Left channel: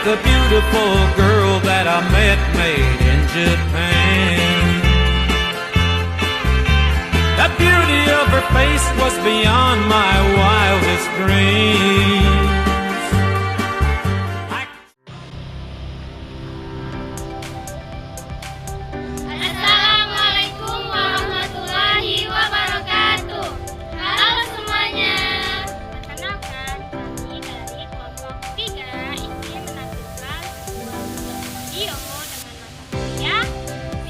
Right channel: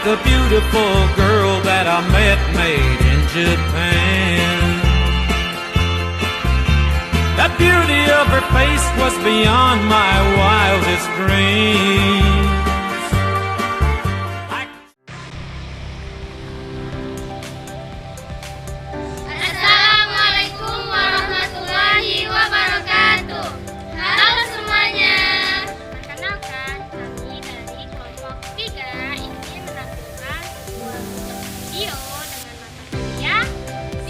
like a beautiful girl that I met made in Japan. The beauty of her face was beyond my wildest dreams. Assalamualaikum warahmatullahi wabarakatuh. Halo semuanya. Perkenalkan, kami dari kelompok 3 ingin menampilkan sebuah video dengan mata kuliah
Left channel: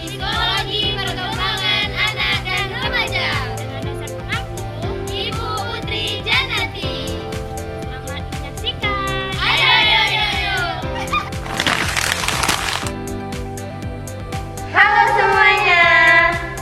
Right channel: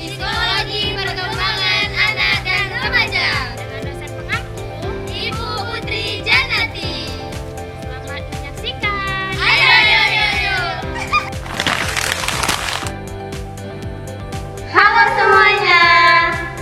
Psikologi Perkembangan Anak dan Remaja dengan dosen pengampu Ibu Putri Janati. Selamat menyaksikan. Ayo. Halo semuanya,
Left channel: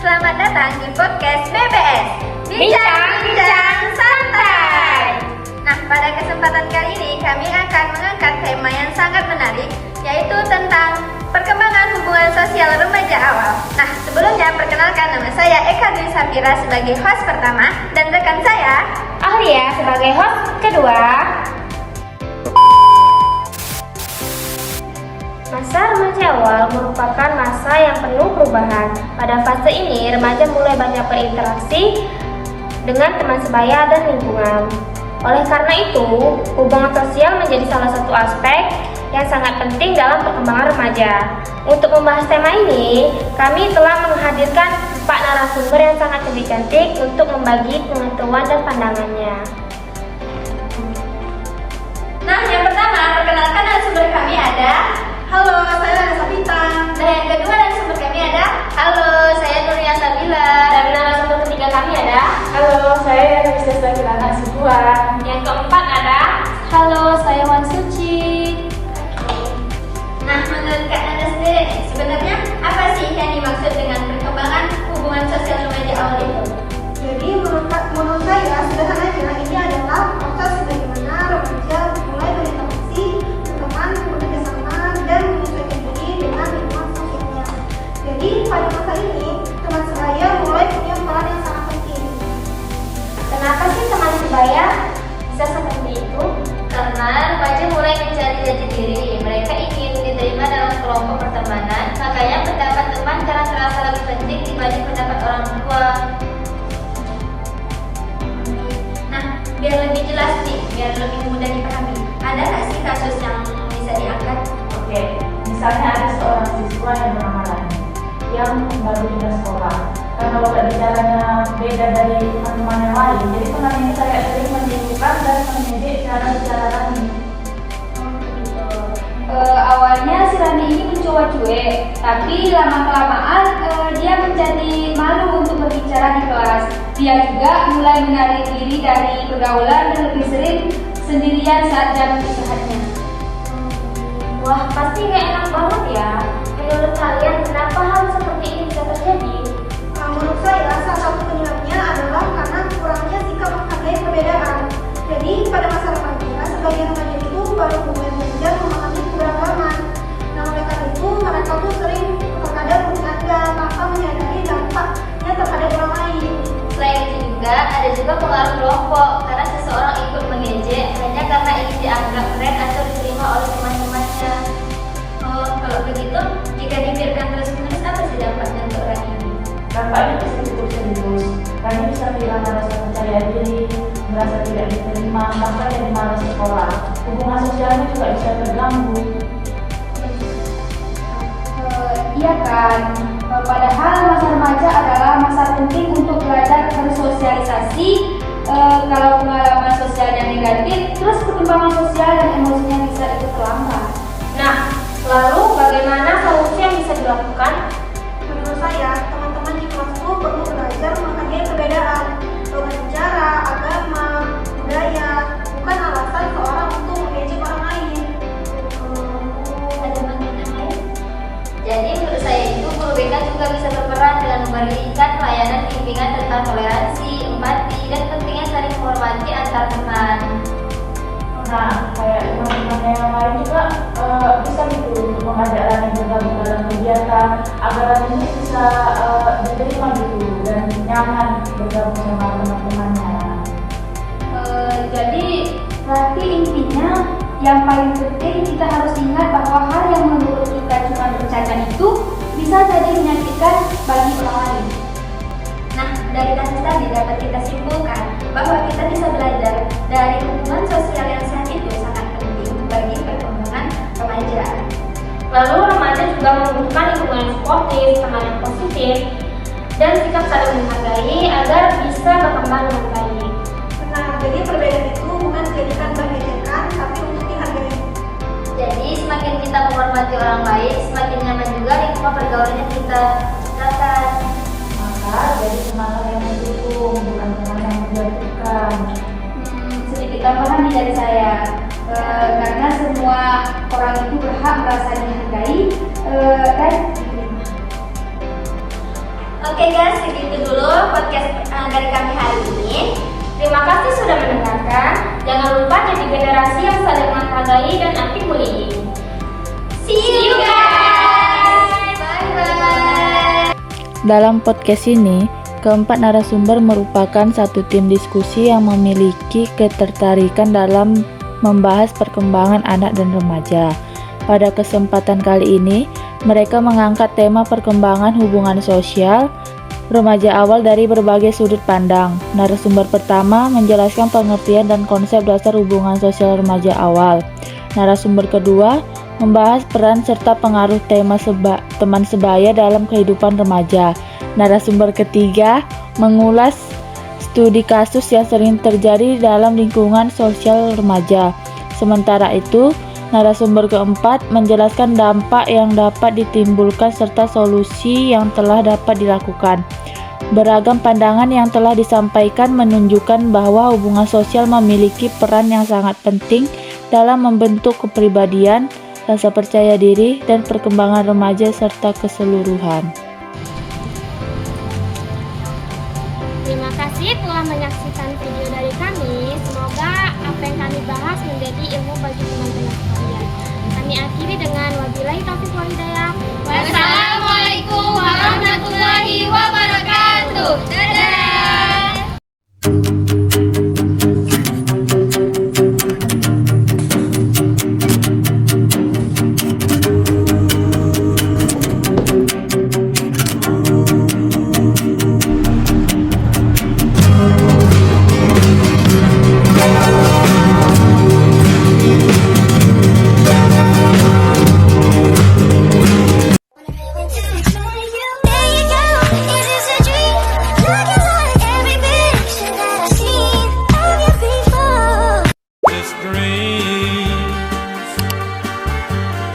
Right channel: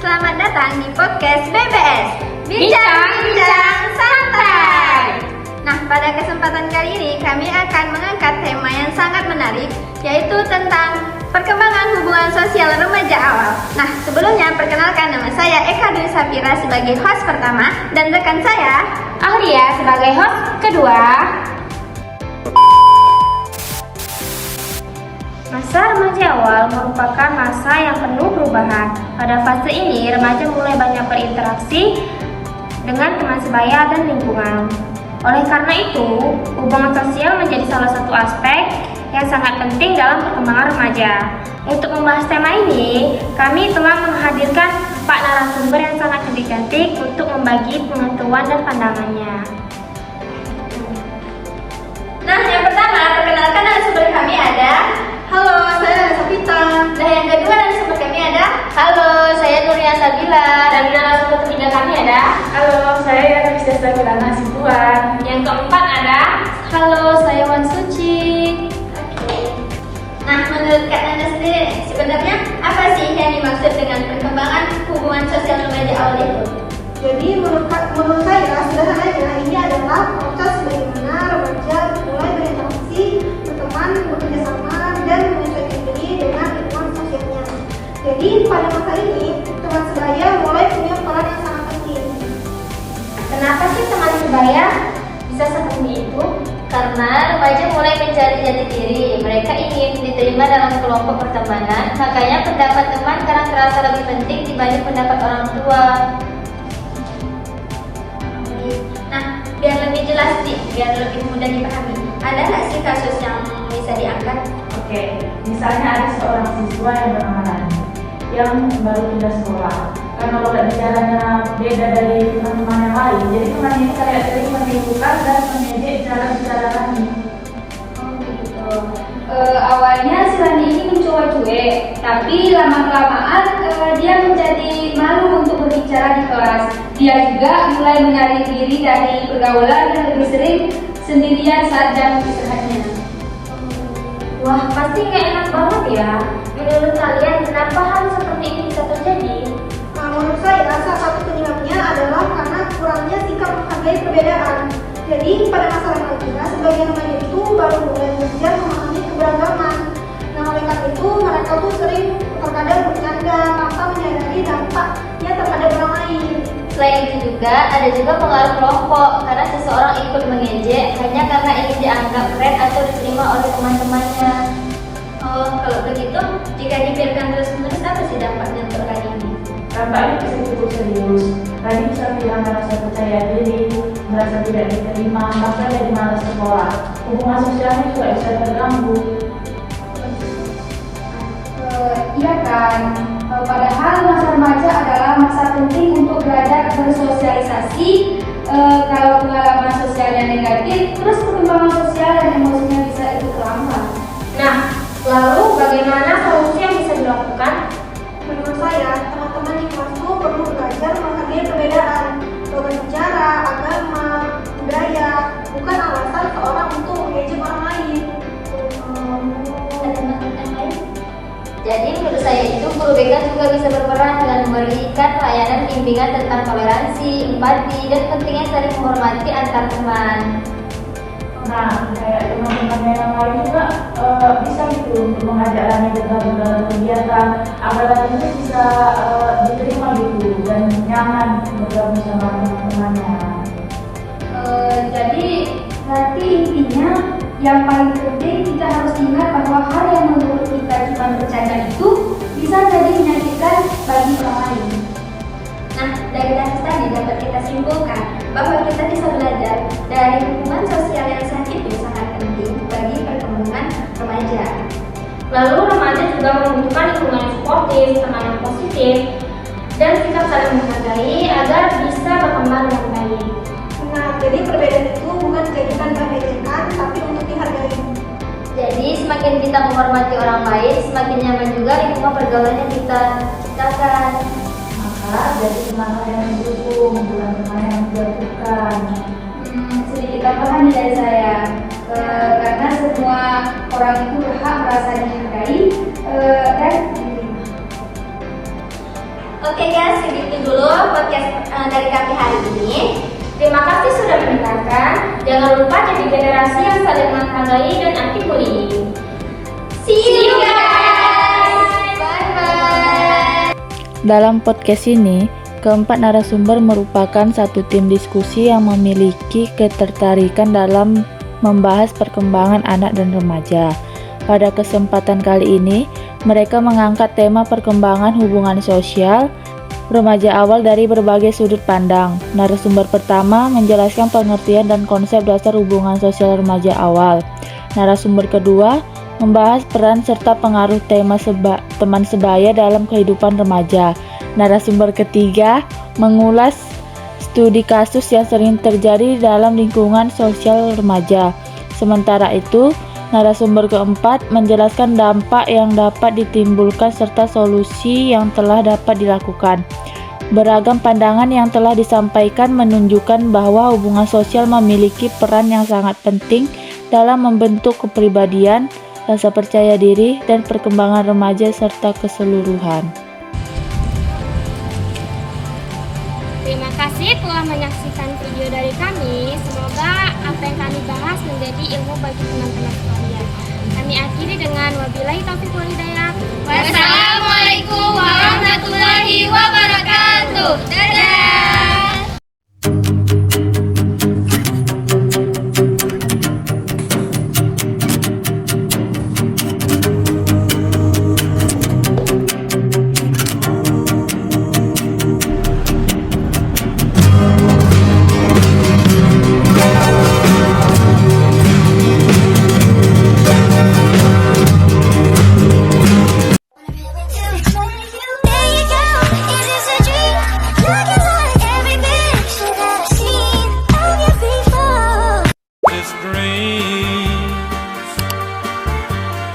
selamat datang di podcast BBS Bincang-Bincang Santai. Nah, pada kesempatan kali ini kami akan mengangkat tema yang sangat menarik, yaitu tentang perkembangan hubungan sosial remaja awal. Nah, sebelumnya perkenalkan, nama saya Eka Dwi Safira sebagai host pertama dan rekan saya Aulia sebagai host kedua. Masa remaja awal merupakan masa yang penuh perubahan. Pada fase ini, remaja mulai banyak berinteraksi dengan teman sebaya dan lingkungan. Oleh karena itu, hubungan sosial menjadi salah satu aspek yang sangat penting dalam perkembangan remaja. Untuk membahas tema ini, kami telah menghadirkan 4 narasumber yang sangat cantik untuk membagi pengetahuan dan pandangannya. Nah, yang pertama, perkenalkan narasumber kami ada. Halo, saya Safita. Dan yang kedua narasumber kami ada. Halo, saya Nurnia Sabila. Dan narasumber ketiga kami ada. Halo, saya Bisa Sabila Sibuan. Yang keempat ada. Halo, saya Wan Suci. Oke. Nah, menurut Kak Nanda sendiri, sebenarnya apa sih yang dimaksud dengan perkembangan hubungan sosial remaja awal itu? Jadi menurut saya sederhananya ini adalah proses bagaimana remaja mulai berinteraksi, berteman, bekerja sama, dan menyesuaikan diri dengan lingkungan sosialnya. Jadi pada masa ini teman sebaya mulai punya peran yang sangat penting. Kenapa sih teman sebaya bisa seperti itu? Karena remaja mulai mencari jati diri, mereka ingin diterima dalam kelompok pertemanan, makanya pendapat teman karena terasa lebih penting dibanding pendapat orang tua. Nah, biar lebih jelas nih, biar lebih mudah dipahami, ada nggak sih kasus yang bisa diangkat? Oke, misalnya ada seorang siswa yang bernama Lani yang baru pindah sekolah. Karena logat bicaranya beda dari teman-teman yang lain, jadi temannya saya sering menipukan dan mengejek cara bicara Lani. Awalnya si Rani ini mencoba cuek, tapi lama-kelamaan dia menjadi malu untuk berbicara di kelas. Dia juga mulai menarik diri dari pergaulan yang lebih sering sendirian saat jam istirahatnya. Wah, pasti nggak enak banget ya. Menurut kalian, kenapa hal seperti ini bisa terjadi? Nah, menurut saya salah satu penyebabnya adalah karena kurangnya sikap menghargai perbedaan. Jadi pada masa remaja, sebagian remaja itu baru mulai belajar memahami keberagaman. Nah, oleh karena itu mereka tuh sering terkadang bercanda tanpa menyadari dampaknya terhadap orang lain. Selain itu juga ada pengaruh kelompok, karena seseorang ikut mengejek hanya karena ingin dianggap keren atau diterima oleh teman-temannya. Oh, kalau begitu, jika dibiarkan terus-menerus, apa sih dampaknya untuk orang ini? Dampaknya pasti cukup serius. Lani bisa kehilangan rasa percaya diri, merasa tidak diterima, bahkan jadi malas sekolah. Hubungan sosialnya juga bisa terganggu. Iya kan, padahal masa remaja adalah masa penting untuk belajar bersosialisasi. Kalau pengalaman sosialnya negatif, terus perkembangan sosial dan emosinya bisa ikut terlambat. Nah, lalu bagaimana solusi yang bisa dilakukan? Menurut saya, teman-teman di kelas itu perlu belajar menghargai perbedaan, logat bicara, agama, budaya, bukan alasan seorang untuk mengejek orang lain. Ada teman-teman yang lain? Jadi menurut saya itu guru BK juga bisa berperan dengan memberikan pelayanan bimbingan tentang toleransi, empati, dan pentingnya saling menghormati antar teman. Nah, kayak teman-teman yang lain juga bisa gitu untuk mengajak Lani bergabung dalam kegiatan agar Lani bisa diterima gitu dan nyaman bergabung sama teman-temannya. Jadi nanti intinya yang paling penting kita harus ingat Dan lingkungan sosial yang sehat itu sangat penting bagi perkembangan remaja. Lalu remaja juga membutuhkan lingkungan yang suportif, teman yang positif, dan sikap saling menghargai agar bisa berkembang dengan baik. Nah, jadi perbedaan itu bukan dijadikan berbeda, tapi untuk dihargai. Jadi semakin kita menghormati orang lain, semakin nyaman juga lingkungan pergaulan yang kita ciptakan. Maka jadi teman yang mendukung, bukan teman yang menjatuhkan. Sedikit tambahan nih dari saya, karena semua orang itu berhak merasa dihargai dan diterima. Oke guys, segitu dulu podcast dari kami hari ini. Terima kasih sudah mendengarkan. Jangan lupa jadi generasi yang saling menghargai dan anti bullying. See you guys. Bye-bye. Dalam podcast ini, keempat narasumber merupakan satu tim diskusi yang memiliki ketertarikan dalam membahas perkembangan anak dan remaja. Pada kesempatan kali ini, mereka mengangkat tema perkembangan hubungan sosial remaja awal dari berbagai sudut pandang. Narasumber pertama menjelaskan pengertian dan konsep dasar hubungan sosial remaja awal. Narasumber kedua membahas peran serta pengaruh teman sebaya dalam kehidupan remaja. Narasumber ketiga mengulas studi kasus yang sering terjadi dalam lingkungan sosial remaja. Sementara itu, narasumber keempat menjelaskan dampak yang dapat ditimbulkan serta solusi yang telah dapat dilakukan. Beragam pandangan yang telah disampaikan menunjukkan bahwa hubungan sosial memiliki peran yang sangat penting dalam membentuk kepribadian, rasa percaya diri, dan perkembangan remaja serta keseluruhan. Terima kasih telah menyaksikan video dari kami. Semoga apa yang kami bahas menjadi ilmu bagi teman-teman sekalian. Kami akhiri dengan wabillahi taufiq wal hidayah. Wassalamualaikum warahmatullahi wabarakatuh. Dadah. This dreams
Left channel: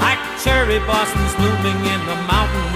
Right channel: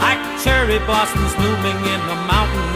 like cherry blossoms blooming in the mountain